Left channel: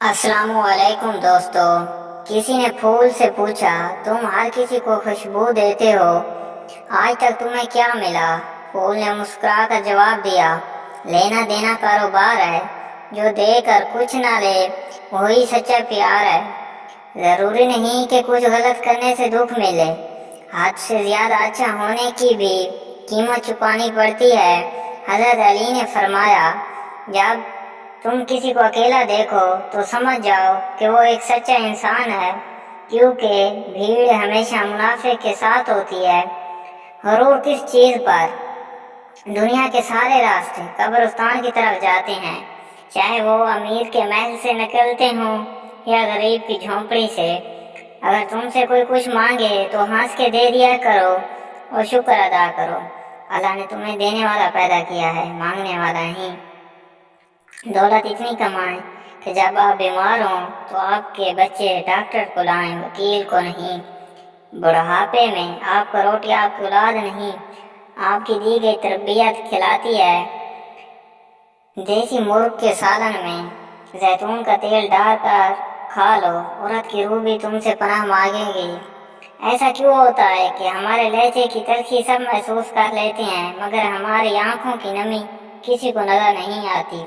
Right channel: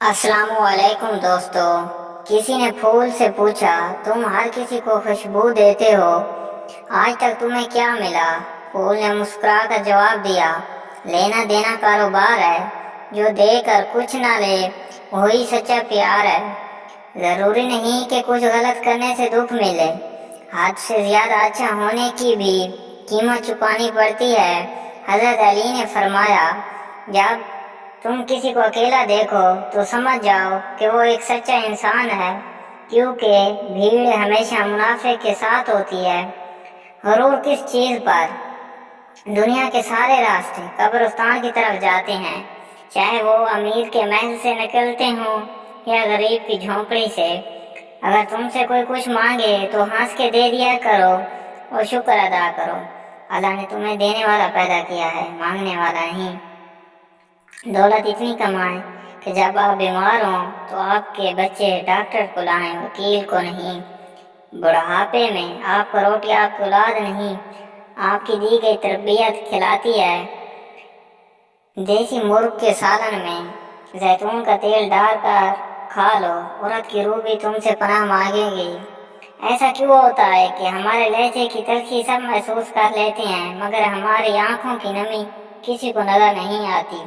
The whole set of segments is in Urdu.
السلام علیکم دوستو۔ کسی نے پھول سے پوچھا تم ہر کسی کو خوشبو دیتے ہو، آج تک تمہیں کیا ملا؟ پھول نے مسکرا کر جواب دیا، لینا دینا کاروبار ہے، جو دے کر کچھ نہ لے وہی سچا پیار ہے۔ ضروری نہیں کہ کچھ غلط کرنے سے دکھ ملے، حد سے زیادہ اچھا ہونے کی بھی قیمت چکانی پڑتی ہے۔ حضرت علی نے فرمایا، جب تم کسی کو اکیلا دیکھو تو سمجھ جاؤ کہ وہ ایک سچا انسان ہے، کیونکہ بھیڑ ہمیشہ منافع کے ساتھ ہوتی ہے۔ غرور کس چیز پر؟ دنیا کے سارے راستے قبرستان کی طرف جاتے ہیں، چاہے وہ امیر کے محل سے نکلتے ہوں یا غریب کی جھونپڑی سے۔ اگر تم سے کوئی کچھ مانگے تو ہنس کے دے دیا کرو اور شکر ادا کرو۔ اللہ نے تمہیں دینے والا پیدا کیا ہے، مانگنے والا نہیں۔ دولت اتنی کمائیں کہ جب آپ بیمار ہوں تو آپ کے بچے ڈاکٹر کو لائیں، وکیل کو نہیں۔ بڑھاپے میں آپ کو روٹی آپ کی اولاد نہیں، آپ کی دی گئی تربیت کھلاتی ہے۔ دیسی مرغ کے سالن میں زیتون کا تیل ڈال کر کھا لو، عورت کی روح بھی تم سے پناہ مانگے گی۔ ایسا کیوں ہوتا ہے کہ ہمارے لہجے کی تلخی سب محسوس کر لیتے ہیں، مگر ہماری آنکھوں کی نمی کسی کو نظر نہیں آتی؟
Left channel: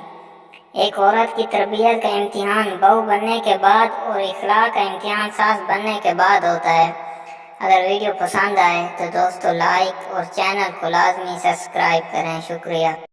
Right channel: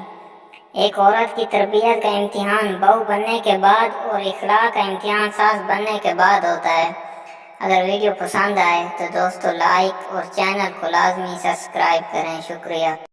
ایک عورت کی تربیت کا امتحان بہو بننے کے بعد اور اخلاق کا امتحان ساس بننے کے بعد ہوتا ہے۔ اگر ویڈیو پسند آئے تو دوستو لائک اور چینل کو لازمی سبسکرائب کریں۔ شکریہ۔